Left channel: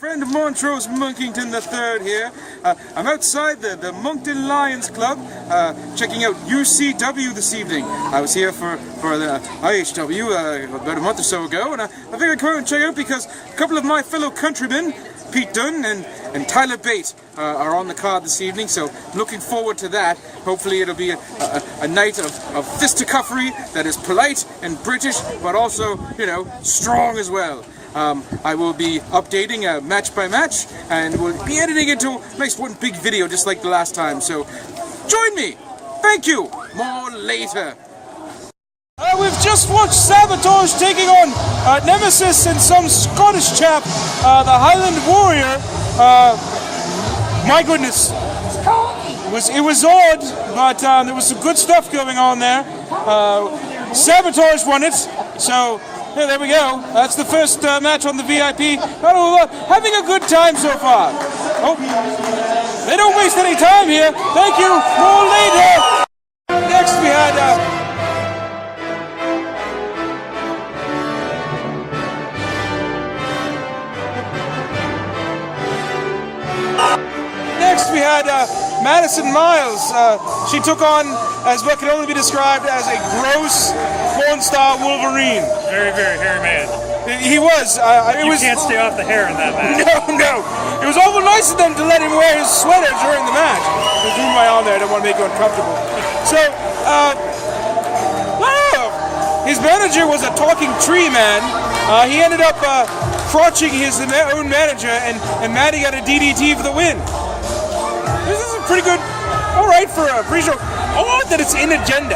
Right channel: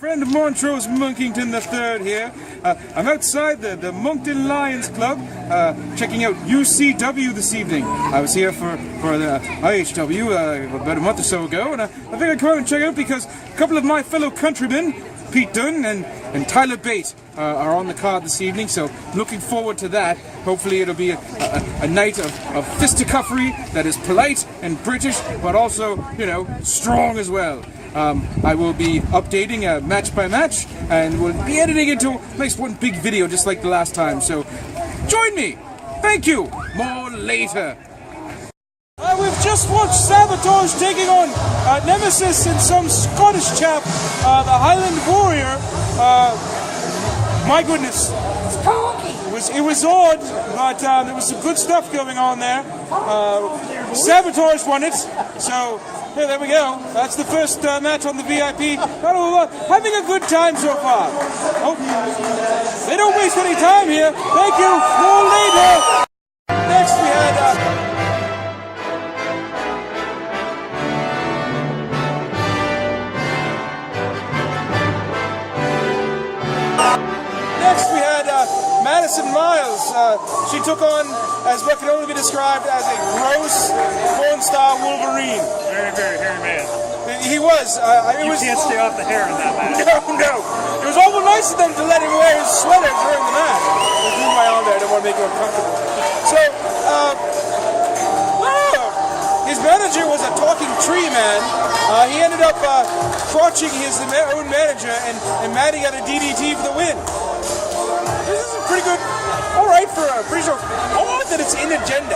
Friend of Montrose Monkington III here. I'm outside the Monkton Lions Club checking out UCW this evening. I was here for the IHW about a month or so ago, and I figured I'd come out and check it out because a couple of my fellow countrymen, Pete Dunne and Tyler Bate, are on the card this evening, so looking forward to that. Hopefully it'll be a night of fisticuffery that is polite and British, but also, you know, strong as well. I will be updating match by match, and we'll be editing into a nice one big video just like the last time, so join me! Thank you! More later! We've just watched Sabotage taking on Nemesis and some Scottish chap, the Highland Warrior. My goodness, it was odd, but there was some good stuff going on there. Sabotage won it, so yeah, there we go. That's the first match on the VIP. Having a good time so far. Oh, they don't waste any time here. Thank you. More later. Next we had Madison Miles. She took on, as what can only be described as a gross porn-star Wolverine. Very, very hairy man. He was. You can't stay off the hair in that match. No. It was awful nice of them to let him wear his sweater during the match. I moved my arm there. I don't want to make it uncomfortable. So, his manager was a talking tree man. He ended up crotching his own manager, and Matty got a DDT for the win. This is a pretty good, all right for a pre-show. Odd that it's in agenda.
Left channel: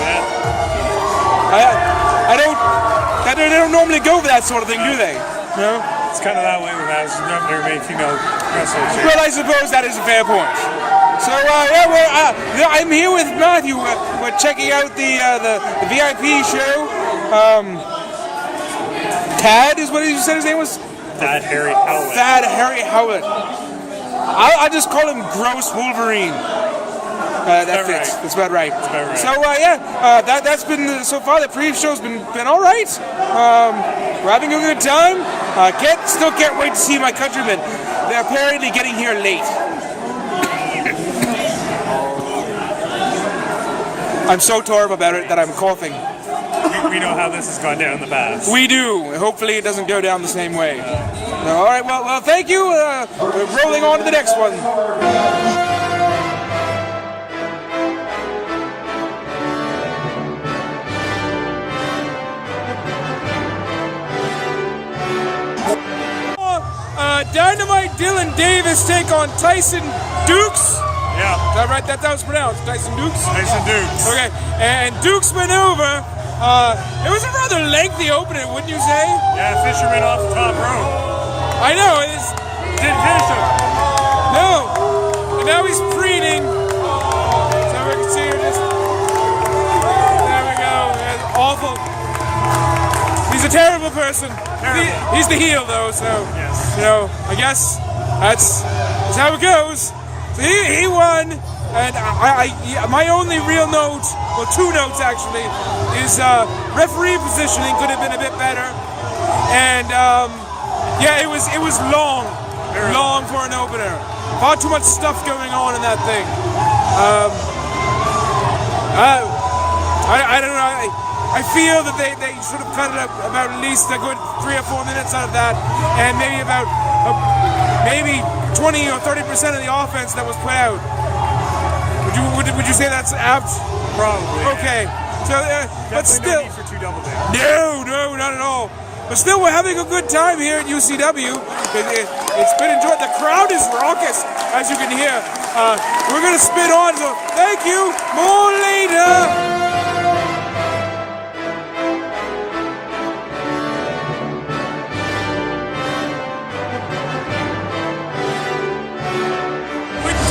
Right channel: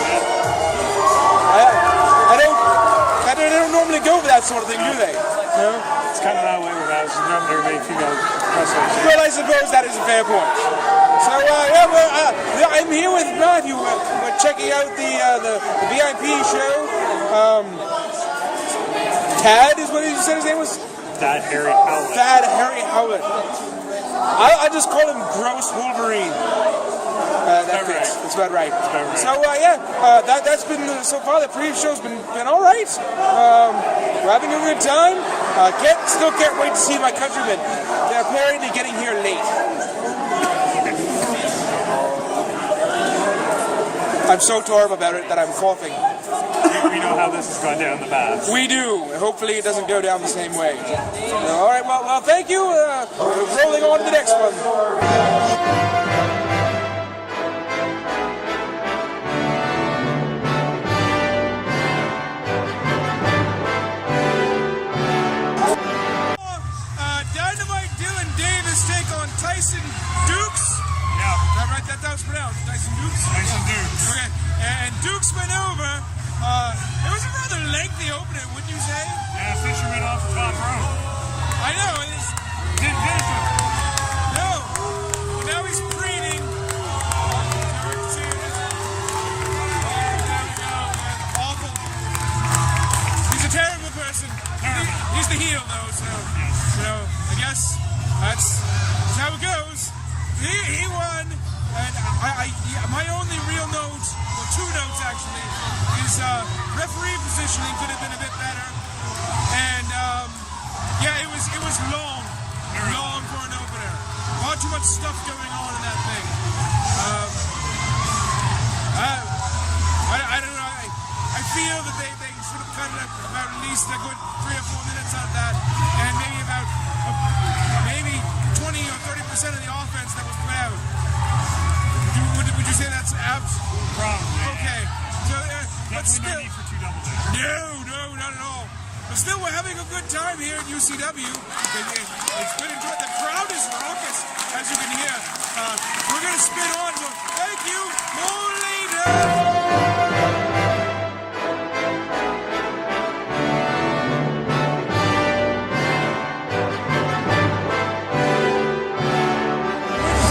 Yeah. They don't normally go for that sort of thing, do they? No? It's kind of that way with us. Not very many female wrestlers here. Well, I suppose that is a fair point. So, I'm here with Matthew. We're checking out the VIP show. Tad is what he said his name was? Thad Harry Howlett. Thad Harry Howlett. I just call him Gross Wolverine. That fits. Right. That's about right. That's about right. So that's been so far. The pre-show's been all right. We're having a good time. Still can't wait to see my countrymen. They're apparently getting here late. I'm so torn about it that I'm coughing. We know how this has gone down in the past. We do. Hopefully it doesn't go down the same way. All right, well, thank you. We're rolling on to the next one. Dynamite Dylan Davis take on Tyson Dukes. Yeah. Is that right? That was pronounced. Tyson Dukes? Tyson Dukes. Okay. And Dukes maneuver. It was a rather lengthy opening, wouldn't you say? Yeah, fisherman off the top rope. I know. Didn't finish him. No. And now he's preening. So we can see this. There we go. It's awful. He's a terrible person. Terrible. He's the heel, though, so, yes. You know, I guess that's how it goes. So he won, and my only real note, well, two notes actually, is referee positioning could have been a bit better, and yeah, it was long for an opener. Far too much stuff going on in that thing. I don't know. I feel that they should have cut it up about at least a good 3 or 4 minutes out of that, and maybe about maybe 20 or 30% of the offense that was put out. Would you say that's apt? Probably. Okay. So, but still, no need for two double jumps. No, not at all. But still, we're having a good time here at UCW. It's been enjoyed. The crowd is raucous, as you can hear. We're going to spin on, so thank you. More later.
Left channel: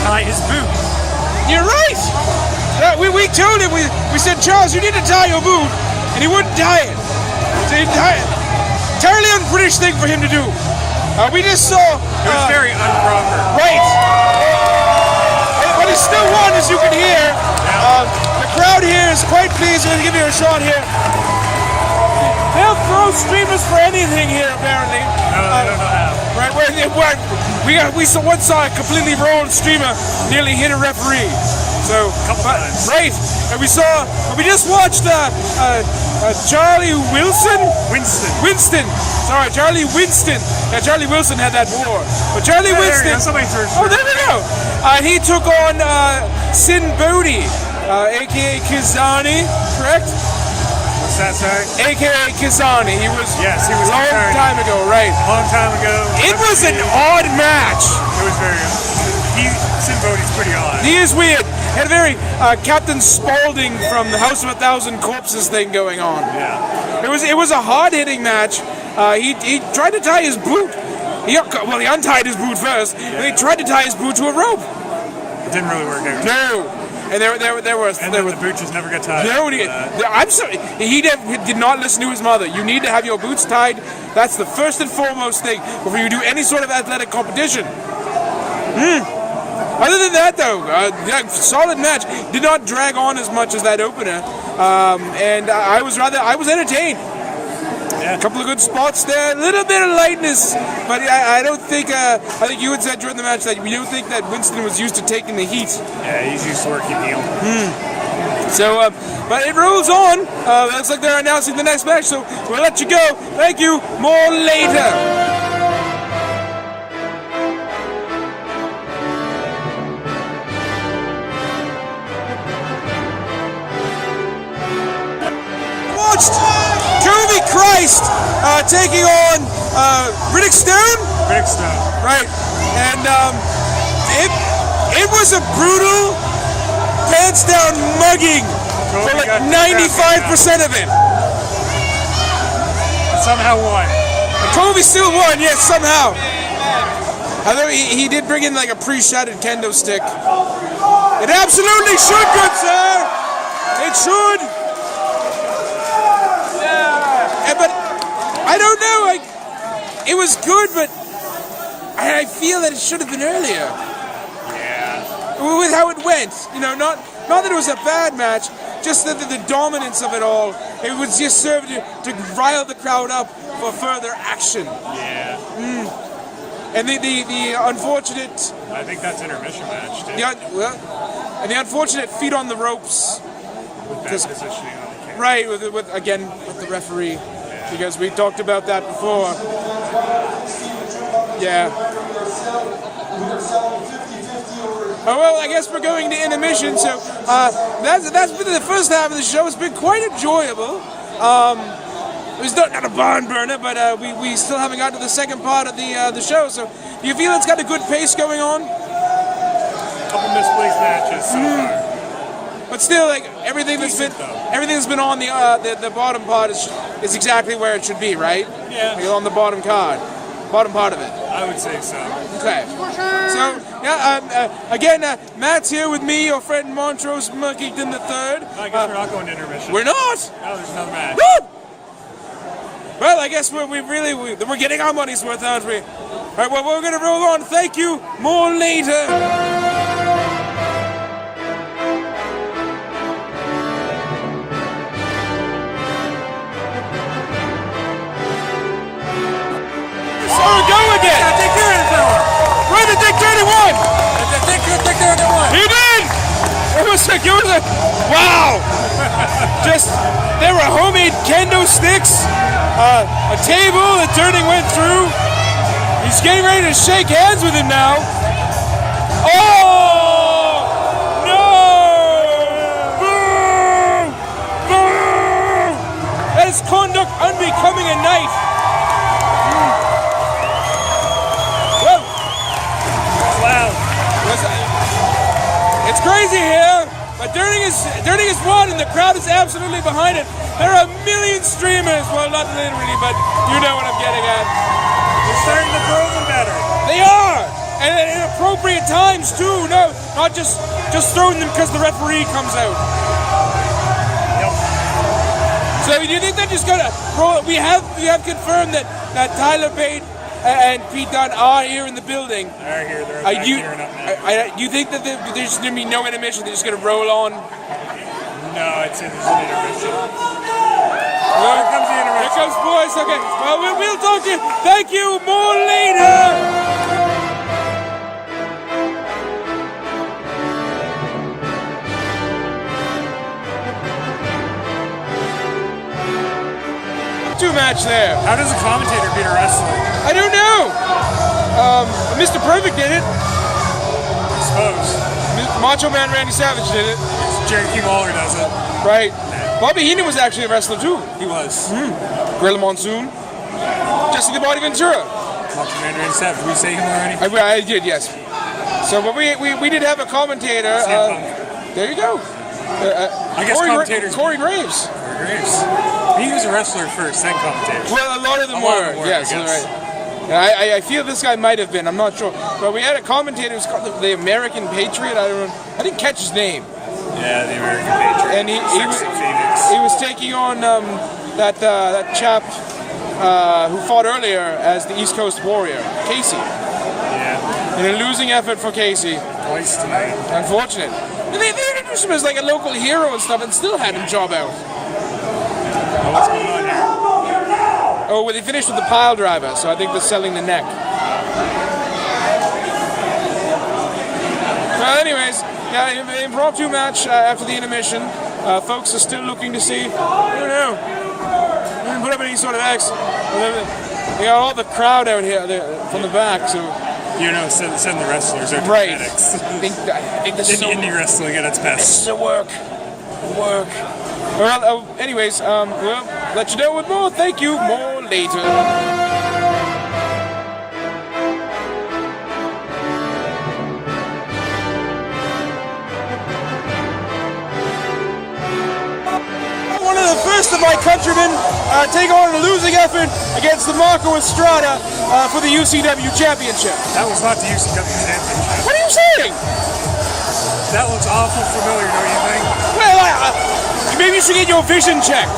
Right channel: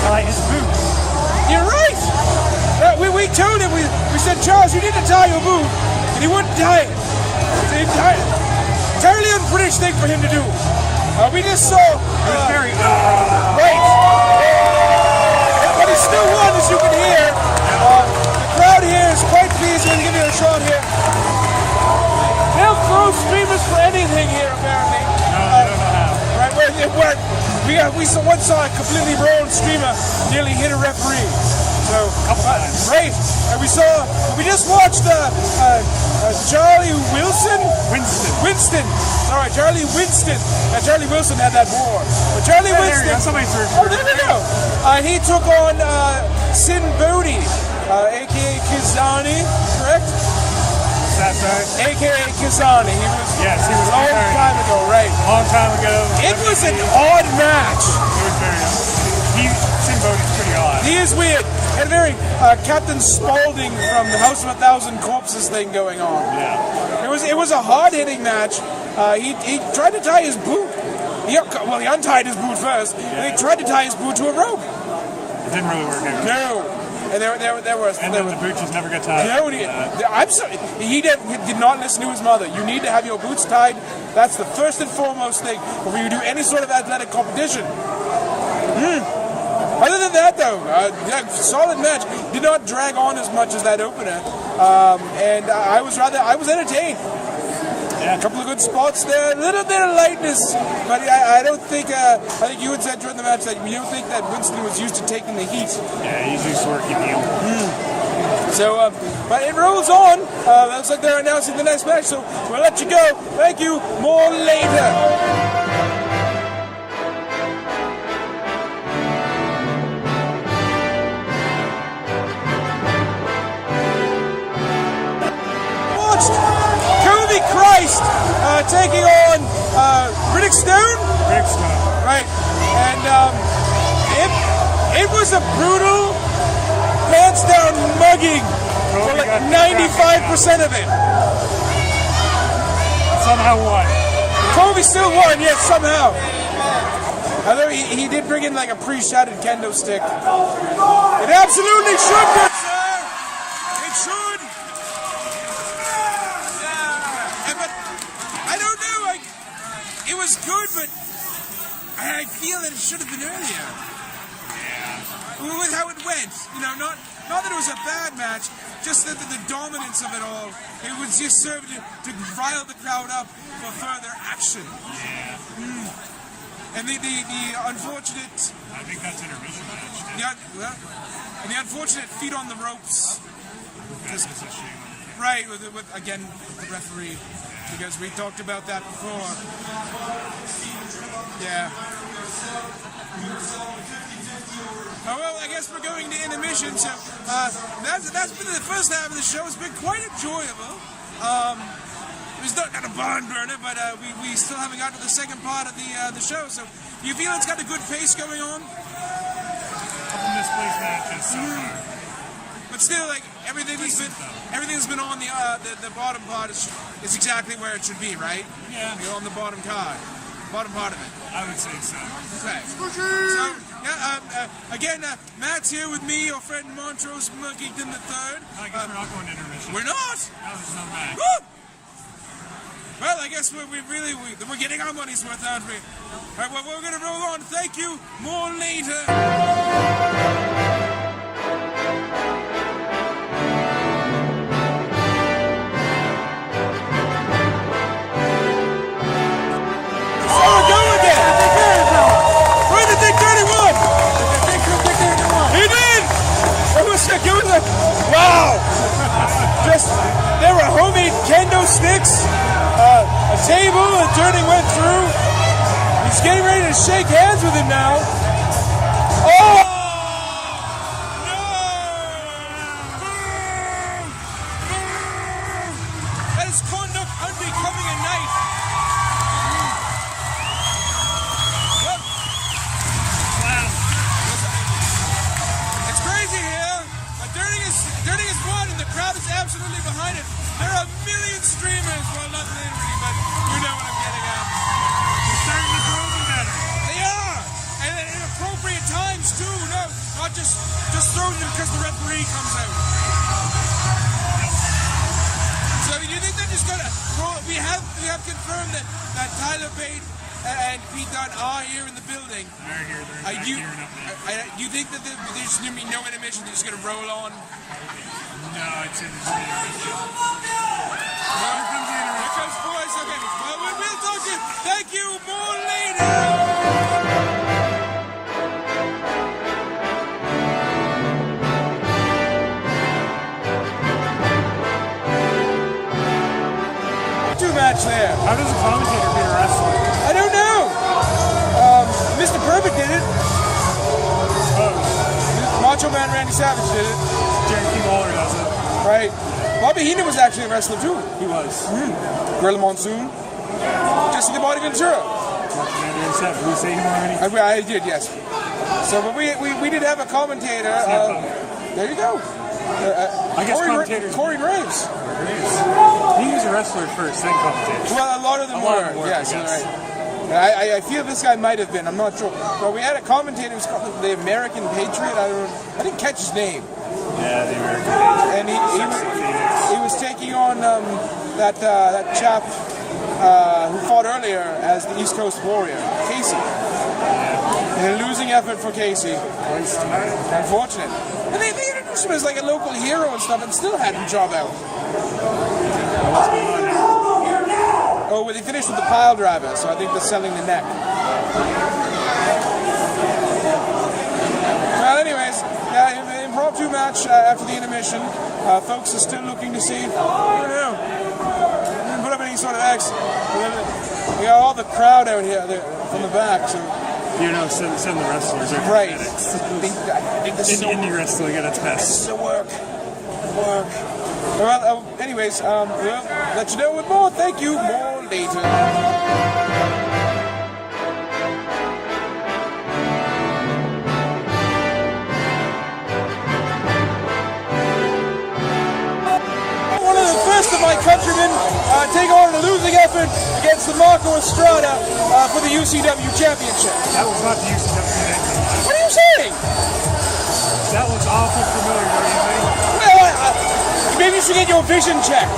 Tie his boots. You're right. We told him. We said, Charles, you need to tie your boot, and he wouldn't tie it. So he tied it. Entirely un-British thing for him to do. We just saw. It was very improper. Right. But he still won, as you can hear. The crowd here is quite pleased. We're going to give you a shot here. They'll throw streamers for anything here, apparently. No, they don't know how. Right, we once saw a completely wrong streamer nearly hit a referee. So A couple times. Right, and we just watched Charlie Winston. Sorry, Charlie Winston. Yeah, Charlie Wilson had that war. But Charlie Winston. Somebody first. Oh, there we go. He took on Sin Bate, aka Kizani, correct? What's that, sorry? AKA Kizani. He was He was a long time ago, right? Long time ago. It was an odd match. It was very. Sin Bode's pretty odd. He is weird. Had a very Captain Spaulding from the House of a Thousand Corpses thing going on. Yeah. It was a hard hitting match. He tried to tie his boot. He untied his boot first, and he tried to tie his boot to a rope. It didn't really work out. No. And the boot just never got tied. No, I'm sorry. He did not listen to his mother. You need to have your boots tied. That's the first and foremost thing before you do any sort of athletic competition. Other than that, though, solid match. Did not drag on as much as that opener, and I was entertained. Yeah. A couple of good spots there, a little bit of lightness, but I don't think. I think you had said during the match that you don't think that Winston was used to taking the heat. Yeah, he's used to working heel. So, but it rolls on. Looks like they're announcing the next match, so we'll let you go. Thank you. More later. Curvy Christ taking on Riddick Stone. Right, and it was a brutal, pants down mugging for like 95% of it. Somehow won. Kobe still won, yes, somehow. Although he did bring in like a pre-shattered kendo stick. It absolutely should, good sir. It should. But I don't know, like, it was good, but I feel that it should have been earlier. Yeah. With how it went, not that it was a bad match, just the dominance of it all. It would just serve to rile the crowd up for further action. Yeah. And the unfortunate. I think that's intermission match too. And the unfortunate feet on the ropes. With that positioning on the camera. Right, with the referee. Because we talked about that before. Yeah. Oh, well, I guess we're going to intermission, so that's been the first half of the show. It's been quite enjoyable. It was not a barn burner, but we still haven't gotten to the second part of the show, so do you feel it's got a good pace going on? A couple misplaced matches so far. But still, like everything that's been on the bottom part is exactly where it should be, right? Yeah. Like on the bottom part of it. I would say so. Okay. So again, Matt's here with me, your friend Montrose Monkington III. I guess we're not going to intermission. We're not. No, there's another match. Woo! Well, I guess we're getting our money's worth, aren't we? All right. Well, we're gonna roll on. Thank you. More later. Where did Dick 31? Dick 31. He did! It was wow! There were homemade kendo sticks, a table that Turning went through. He's getting ready to shake hands with him now. Oh! No! Boom! Boom! That is conduct unbecoming a knight. Wow. It's crazy here, but Dunne is won and the crowd is absolutely behind it. There are a million streamers, well not literally, but you know what I'm getting at. They're starting to throw them better. They are! And at appropriate times too, no, not just throwing them because the referee comes out. Yep. So do you think they're just gonna roll? We have confirmed that Tyler Bate and Pete Dunne are here in the building. They're here. They're back here and up now. You think that there's just going to be no intermission? They're just going to roll on? No, I'd say there's an intermission. Here comes the intermission. Here comes boys. Okay. Well, we'll talk to you. Thank you. More later. match there. How does a commentator beat a wrestler? I don't know. Mr. Perfect did it. I suppose. Macho Man Randy Savage did it. Jerry King Lawler does it. Right. Bobby Heenan was actually a wrestler too. He was. Gorilla Monsoon. Jesse the Body Ventura. Macho Man Randy Savage. Did we say him already? I did, yes. So, but we did have a commentator. There you go. I guess commentators. Corey Graves. Corey Graves. He was a wrestler first, then commentator. Well, a lot of them were. Yes, right. I feel this guy might have been. I'm not sure. But we had a commentator who's called the American Patriot. I didn't catch his name. Yeah, the American Patriot. And he was taking on that chap who fought earlier as the East Coast Warrior, Casey. Yeah. In a losing effort for Casey. Twice tonight. Unfortunate. And they introduced him as like a local hero and stuff and still had him job out. Now what's going on here? Oh, well, they finished with the pile driver, so I think they're selling the neck. Well, anyways, yeah, the impromptu match after the intermission. Folks are still looking to see. I don't know. Didn't put up any sort of X. They got all the crowd out here from the back, so. You know, send the wrestlers or the right. medics. I think this is indie wrestling at its best. This is a work. Well, anyways, we'll let you know with more. Thank you. More later. One of the first of my countrymen take on a losing effort against the Marco Estrada for the UCW Championship. That was not the UCW Championship. What are you saying? That looks awful familiar, don't you think? Well, maybe you should get your vision checked.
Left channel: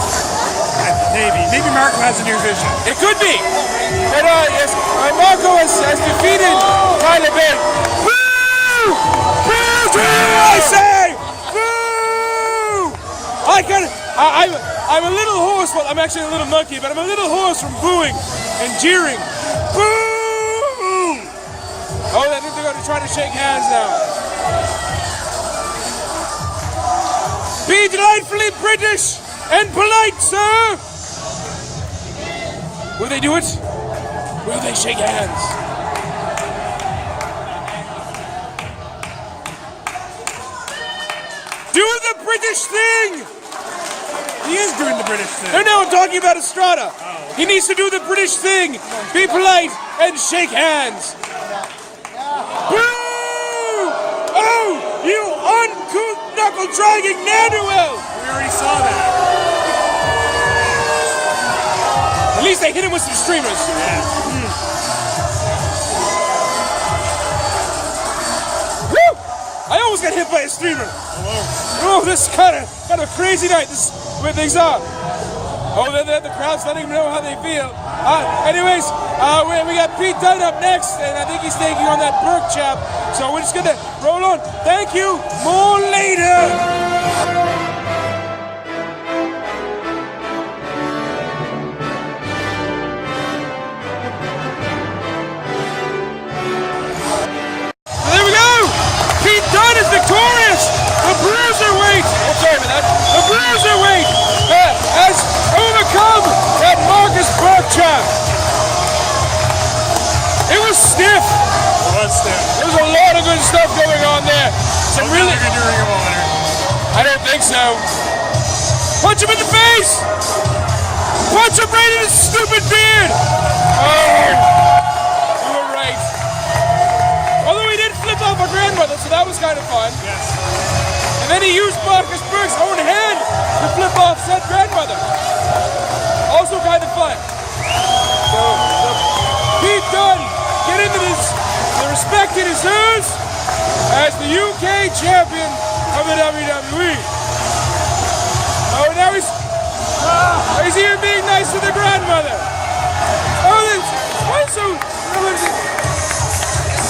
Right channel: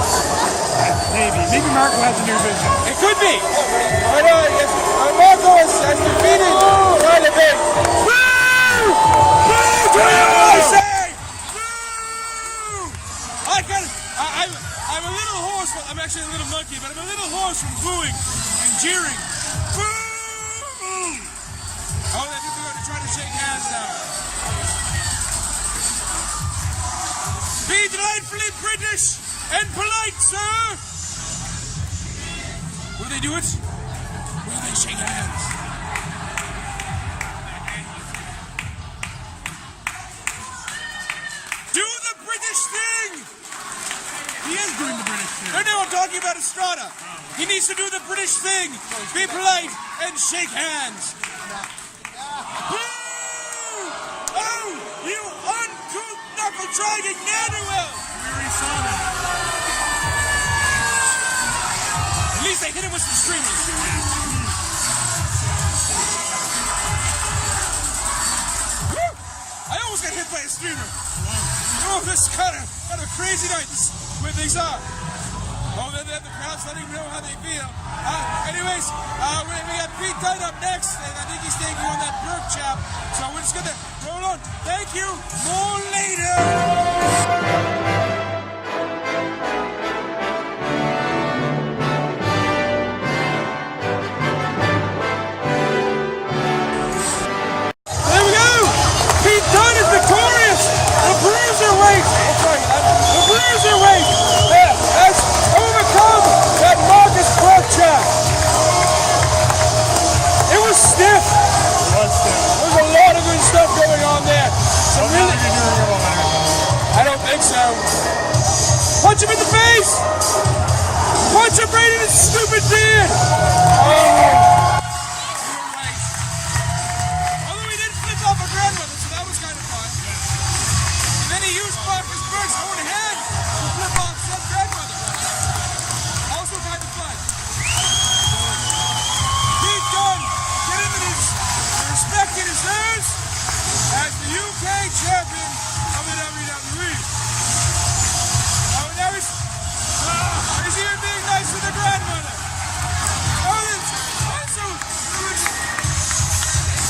Maybe Marco has a new vision. It could be. But yes, Marco has defeated Tyler Bate. Boo! Boo! I say! Boo! I'm a little hoarse. Well, I'm actually a little monkey, but I'm a little hoarse from booing and jeering. Boo! Oh, I think they're going to try to shake hands now. Be delightfully British and polite, sir! Will they do it? Will they shake hands? Do the British thing! He is doing the British thing. No, I'm talking about Estrada. Oh, okay. He needs to do the British thing. Be polite and shake hands. Boo! Oh, you uncouth knuckle-dragging Nanuel! We already saw that. At least they hit him with some streamers. Yeah. Woo! I almost got hit by a streamer. Oh, this is kind of a crazy night. This is where things are. Oh, the crowd's letting them know how they feel. Anyways, we got Pete Dunne up next, and I think he's taking on that Burke chap. So we're just gonna roll on. Thank you. More later. There's a lot of good stuff going on there. Well, really, now they're going to do Ring of Honor. I don't think so. Punch him in the face! Punch him right in his stupid beard! Oh, you were right. Although he did flip off a grandmother, so that was kind of fun. Yes. And then he used Marcus Burke's own hand to flip off said grandmother. Also kind of fun. So, Pete Dunne, get into this. The respect it is hers as the UK champion of the WWE. Oh, now he's even being nice to the grandmother.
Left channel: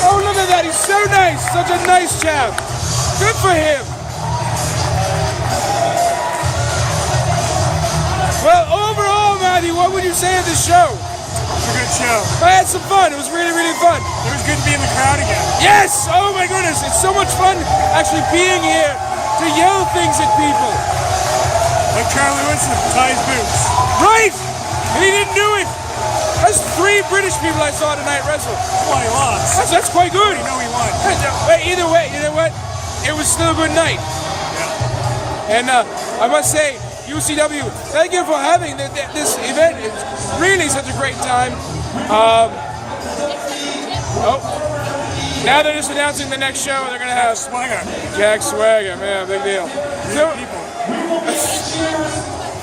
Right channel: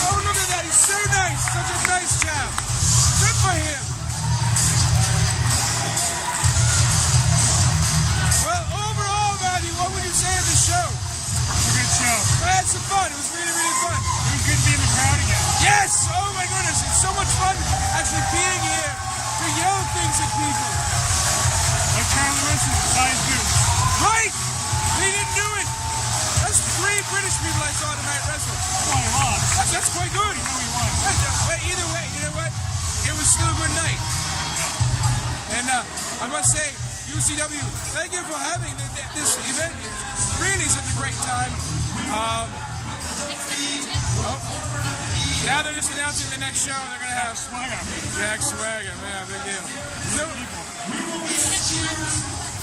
Oh, look at that. He's so nice. Such a nice chap. Good for him. Well, overall, Matthew, what would you say of this show? It's a good show. I had some fun. It was really, really fun. It was good to be in the crowd again. Yes! Oh my goodness, it's so much fun actually being here to yell things at people. Like Charlie Winston with ties boots. Right! And he didn't do it. That's 3 British people I saw tonight wrestle. Well, he lost. That's quite good. You know he won. But either way, you know what? It was still a good night. Yeah. And I must say, UCW, thank you for having this event. It's really such a great time. Now they're just announcing the next show. They're going to have Jack Swagger, man, big deal. So,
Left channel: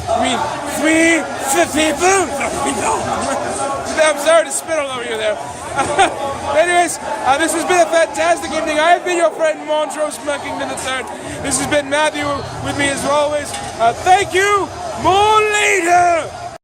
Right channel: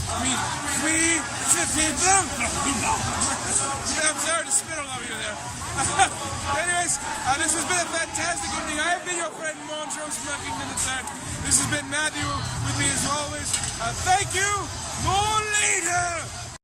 I mean, 3 people. I'm sorry to spit all over you there. Anyways, this has been a fantastic evening. I have been your friend Montrose Monkington III. This has been Matthew with me as always. Thank you. More later.